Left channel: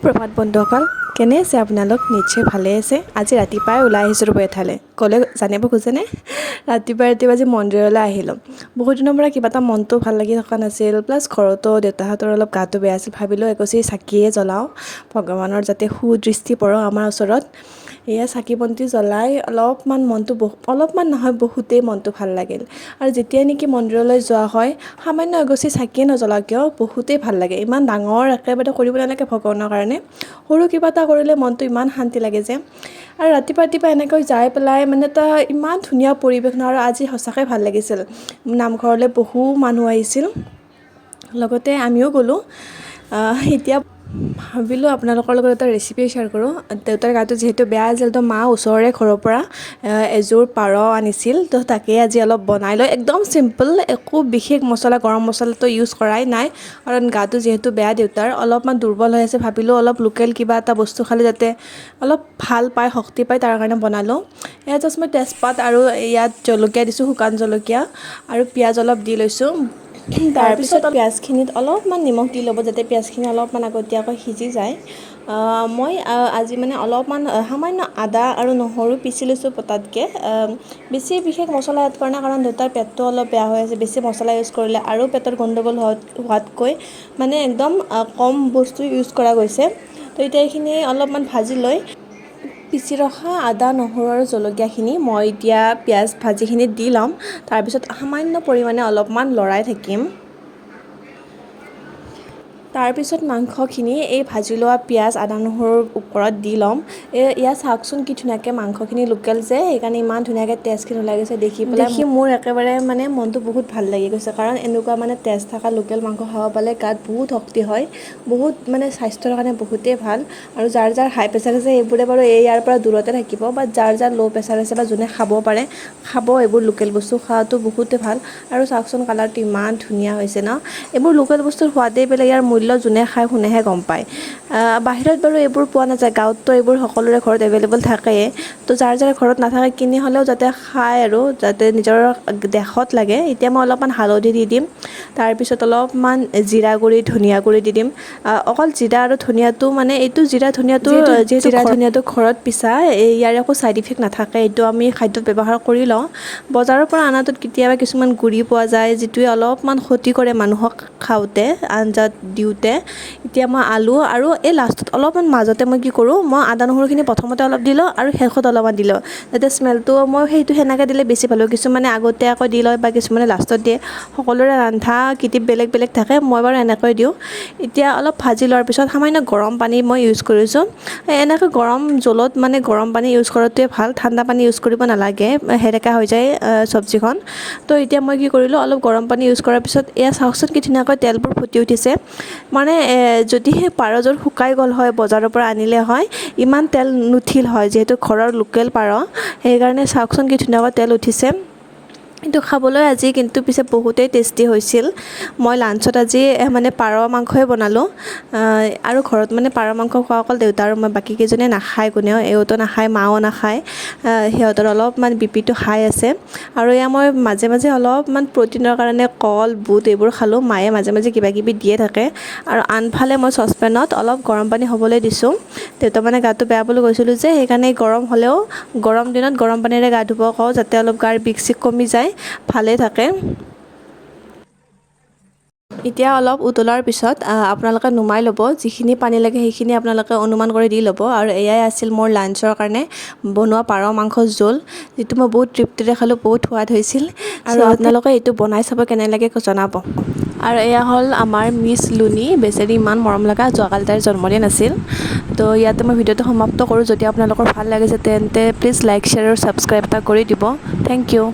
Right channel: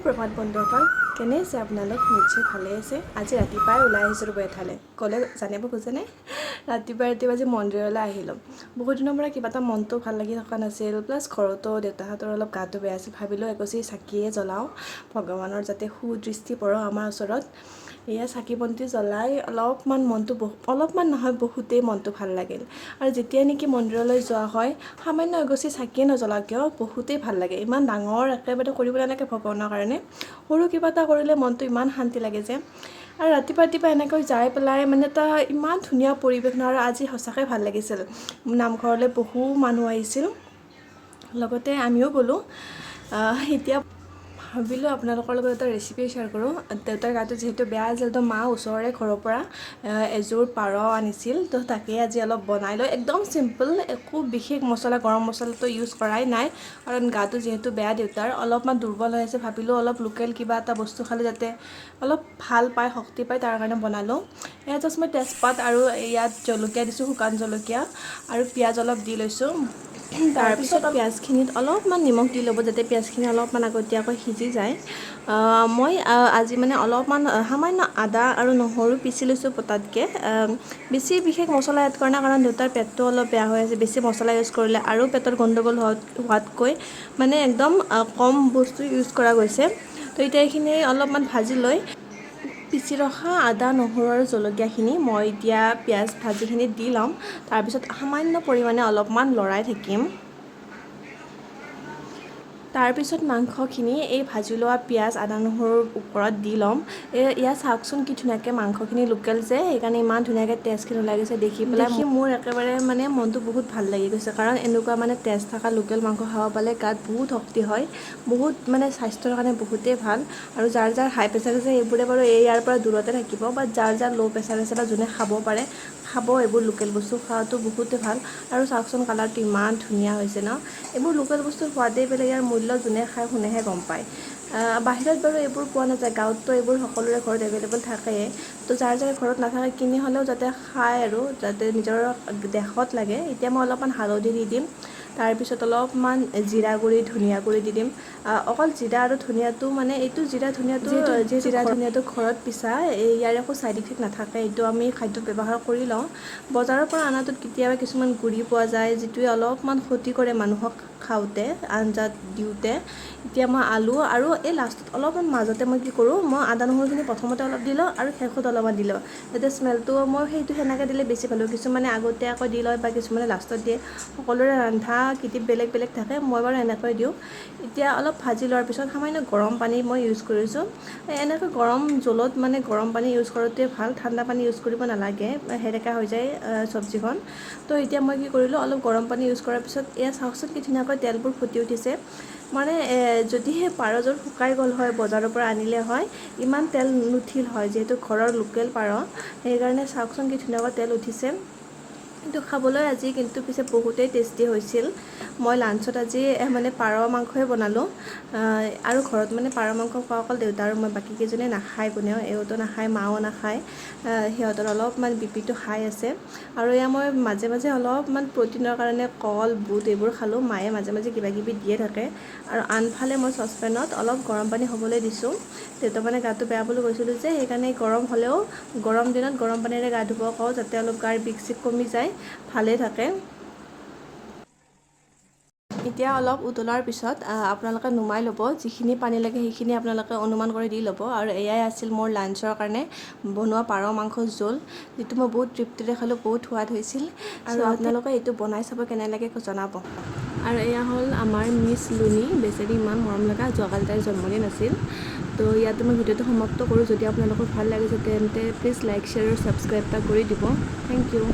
সুপ্ৰভাত বন্ধুসকল, কেনে আছে আপোনালোক? নিশ্চয় ভালে আছে। আজি ৰাতিপুৱাই ওলাই আহিছোঁ ৰ'ব এঠাইলৈ। ক'লে জানিব খোজেনে? ৰাতিপুৱা আজি মন্দিৰলৈ আহিলোঁ। বহুত দিনৰ পৰা কিবা এটা মনটো ভাল লাগি থকা নাছিল, প্লাছ ঘৰতো দেউতাহঁতৰ অলপ গাটো বেয়া আছিল। ভাবিলোঁ এগছি চাকিয়ে জ্বলাওঁ, ভগৱানৰ যাতে সুদৃষ্টি পৰক আমাৰ ওচৰত। এয়া চাকি বন্তি জ্বলাই অলপমান মনটো অলপমান নহয় বহুতেই মনটো ভাল লাগিল। আৰু যেতিয়াই নেকি মন্দিৰলৈ যোৱা হয়, সামান্য এগছি চাকিয়ে নজ্বলাওঁ কিয় বহুতেই ভাল লাগে। ইমান ডাঙৰ একেবাৰে কৰিব নালাগে ভগৱানৰ কাৰণে, সৰু কিবা এটা কৰিলে মনটো ইমান শান্তি লাগে যে। আৰু ৰাতিপুৱা এনেকৈ যাই পেলাই মানে এটা ইমান ধুনীয়া পৰিৱেশ ন, আৰু আজি সঁচাকৈ ভাল লাগিছিল। নামঘৰলৈ বহু মানুহ আহিছিল, লগতে আমিও গ'লোঁ। এতিয়া ভাবিলোঁ আপোনালোকৰ লগত এটা ৰেচিপি শ্বেয়াৰ কৰোঁ। দেউতাৰ গাটো যিহেতু বেয়া আছিল, তো মা ওচৰৰে ঘৰৰ পৰা এযোৰ পাৰ আনিছিল, তো তাকেই আজি অলপ বনাই লৈ একদম চিম্পল, একো বিশেষ মছলা গৰম মছলাটো ইউজ কৰাই নাই, কাৰণ গাটো যিহেতু বেয়া দেউতাৰ, অলপমান দুৰ্বল হৈ আছে। ভাবিলোঁ অলপ লোকেল কিবা এটা বস্তু খালে যাতে অলপ ভাল পায়, শক্তি পায়, তাৰ কাৰণে বনালোঁ। এয়া জাষ্ট মই তেজপাত আৰু ইয়াত জলকীয়া দিছোঁ, শুকান জলকীয়া, আৰু পিঁয়াজ অলপ দি লৈছোঁ। তাৰপিছত পিঁয়াজখিনিত অলপমান নিমখ দি ল'ব, যাতে পিঁয়াজখিনি অলপমান আগতীয়াকৈ সিজি যায়। মই আজি মানে অলপমান সামান্য আদা আৰু নহৰু পিচি লৈছোঁ পটাতকৈ। বেছি বিশেষ মছলা এড কৰা নাই, কাৰণ দেউতাৰ পেটটো অলপ বেয়া হৈ আছে। বেছি মছলা ইউজ কৰিলে আৰু পেটৰ গণ্ডগোল হোৱাতকৈ মানে একদম কম বস্তু ইউজ কৰা গৈছে। তো এতিয়া এইখিনি অলপমান ভাজি লৈ পিচি ৰখা আদা নহৰু আৰু জলকীয়াখিনি মই এতিয়া পিঁয়াজ ভাজিখিনিত দি ল'ম। তাৰপিছত সামান্য পৰিমাণে অলপমান লৰাই থাকিম। তাৰপিছত মাংসখিনি এই ভাজি লোৱা পিঁয়াজ আদা নহৰুৰ ওপৰত দি ল'ম। ইয়াত চাওকচোন কি ধুনীয়াকৈ মাংসখিনি লোকেল যে, সেইকাৰণে ইমান ধুনীয়াকৈ তেজখিনি ওলাই গৈছে। দেখি মোৰ একেবাৰে মানে মনটো বহুত ভাল লাগি গৈছে, কাৰণ এনেকুৱা মানে তেজ থকা লোকেল মাংস খাব পালে গাত বহুত শক্তি হয়, বহুত মানে স্বাস্থ্যৰ কাৰণে বহুতেই ভাল। আৰু যাৰ হাই প্ৰেছাৰ আছে সেইবোৰে বাৰু ইয়াৰ পৰা দূৰতে থাকিব, বা যাৰ ল' প্ৰেছাৰ আছে বা যোনে খাব পাৰে খাব। এইবোৰ লোকেল বস্তু খোৱাটো বহুতেই ভাল। আৰু চাওকচোন কালাৰটো ইমান ধুনীয়া হৈছে ন। এইবোৰ লোকেল বস্তুৰ সোৱাদেই বেলেগ, ইয়াৰ মূল্য যোনে খায় শুনেহে গম পায়। বাহিৰত বাৰু এইবোৰ পোৱা নাযায়, গাঁৱততো এইবোৰ সকলোৰে ঘৰত এভেইলেবল থাকেই। তো যাৰ ঘৰত নাথাকে কিনি হ'লেও যাতে খায়, আৰু যাতে নিজৰ দেহত লাগে। এতিয়া মই অলপমান হালধি দি দিম, তাৰপিছত অলপমান জিৰা গুড়ি ধনিয়া গুড়ি দি দিম। অকল জিৰা আৰু ধনিয়াটো মানে এইটো জিৰা ধনিয়াটো ঘৰত পিছা, ইয়াৰ একো ছাইড ইফেক্ট নাথাকে। এইটো আমি খাদ্যত ব্যৱহাৰ কৰি লওঁ। বজাৰৰ পৰা অনাটোত কেতিয়াবা কিছুমান গুড়ি পোৱা যায়, যিটোৱে অলপমান ক্ষতি কৰে মানুহক খাওঁতে, আঞ্জাত দিওঁতে। এতিয়া মই আলু আৰু এই লাষ্টত অলপমান মাজতে মই কি কৰোঁ, মই আদা নহৰুখিনি প্ৰথমতে অলপ দি লওঁ আৰু শেষত অলপমান দি লওঁ, যাতে স্মেলটো মই সেইটো সেনেকৈ দিলে বেছি ভাল হয়। কিছুমানে আগতীয়াকৈ দি লয় বা কিছুমানে লাষ্টত দিয়ে, সকলোৰে ৰন্ধা কিটিপ বেলেগ বেলেগ থাকে। মই বাৰু এনেকৈ দিওঁ। এতিয়া অলপ ভাজি লোৱাৰ পিছত সামান্য গৰম পানী মই ইউজ কৰিছোঁ। এনেকৈ গৰম জোলত মানে গৰম পানী ইউজ কৰাটোৱে ভাল, ঠাণ্ডা পানী ইউজ কৰিব নালাগে, সেৰেকা হৈ যায় চব্জিখন। তো এতিয়া মই কি কৰিলোঁ, অলপ গৰম পানী ইউজ কৰাৰ পিছত এয়া চাওকচোন কি ধুনীয়াকৈ তেলবোৰ ফুটি উঠিছে। মানে যদি সেই পাৰযোৰ শুকাই গ'ল হয়, বজাৰৰ পৰা আনিলে হয়, ইমান তেল নুঠিল হয়। যিহেতু ঘৰৰ লোকেল পাৰ, সেইকাৰণে চাওকচোন কি ধুনীয়াকৈ তেল উঠিছে। কিন্তু খাবলৈ আজি কিন্তু পিছে বহুতেই টেষ্টি হৈছিল। মই লাঞ্চত আজি মানে পাৰ মাংসই বনালোঁ। আৰু ঘৰত মানে পাৰ মাংস খোৱা অকল দেউতা আৰু মই, বাকী কেইজনে নাখায় কোনেও। এওঁতো নাখায়, মাও নাখায়। সিহঁতৰ অলপমান বিপিটো হাই আছে। আৰু এয়া মই মাজে মাজে অলপমান প্ৰটিনৰ কাৰণে কল বুট এইবোৰ খালোঁ। মায়ে মাজে মাজে কিবা কিবি দিয়ে থাকে। আৰু আনফালে মই চচপেনত অলপ গৰম পানী হ'বলৈ দিছোঁ। দেউতা মানে গাটো বেয়া বুলি কৈছিলোঁ যে, সেইকাৰণে গৰম হ'লেও গৰম দিনত গৰম পানীৰে গা ধুব কওঁ, যাতে অলপ গাৰ বিষ চিক কমি যায়, ভালেই থাকে। এতিয়া অলপ উতলাৰ পিছত আপোনালোকে নুমাই ল'ব। যিখিনি পানী লাগে সেইখিনি আপোনালোকে অনুমান কৰি দি ল'ব। আৰু এয়াই আছিল মোৰ লাঞ্চৰ কাৰণে বনোৱা পাৰ মাংসৰ জোল, যিটো মই বহুত তৃপ্তিৰে খালোঁ, বহুত সোৱাদ হৈছিল। আৰু আপোনালোকে এইটো বনাই চাব, কেনে লাগে জনাব। আৰু এয়া হ'ল আমাৰ মিছ লুনি, বেচেৰি ইমান মৰম লগা। যোৱাকালি তাইৰ জন্মদিন আছিল। তো ইয়াতে মই ভিডিঅ'টো সমাপ্ত কৰোঁ। যদি আপোনালোকৰ ভাল লাগিছে তেন্তে প্লিজ লাইক শ্বেয়াৰ আৰু ছাবস্ক্ৰাইব এটা কৰি দিব। Thank U.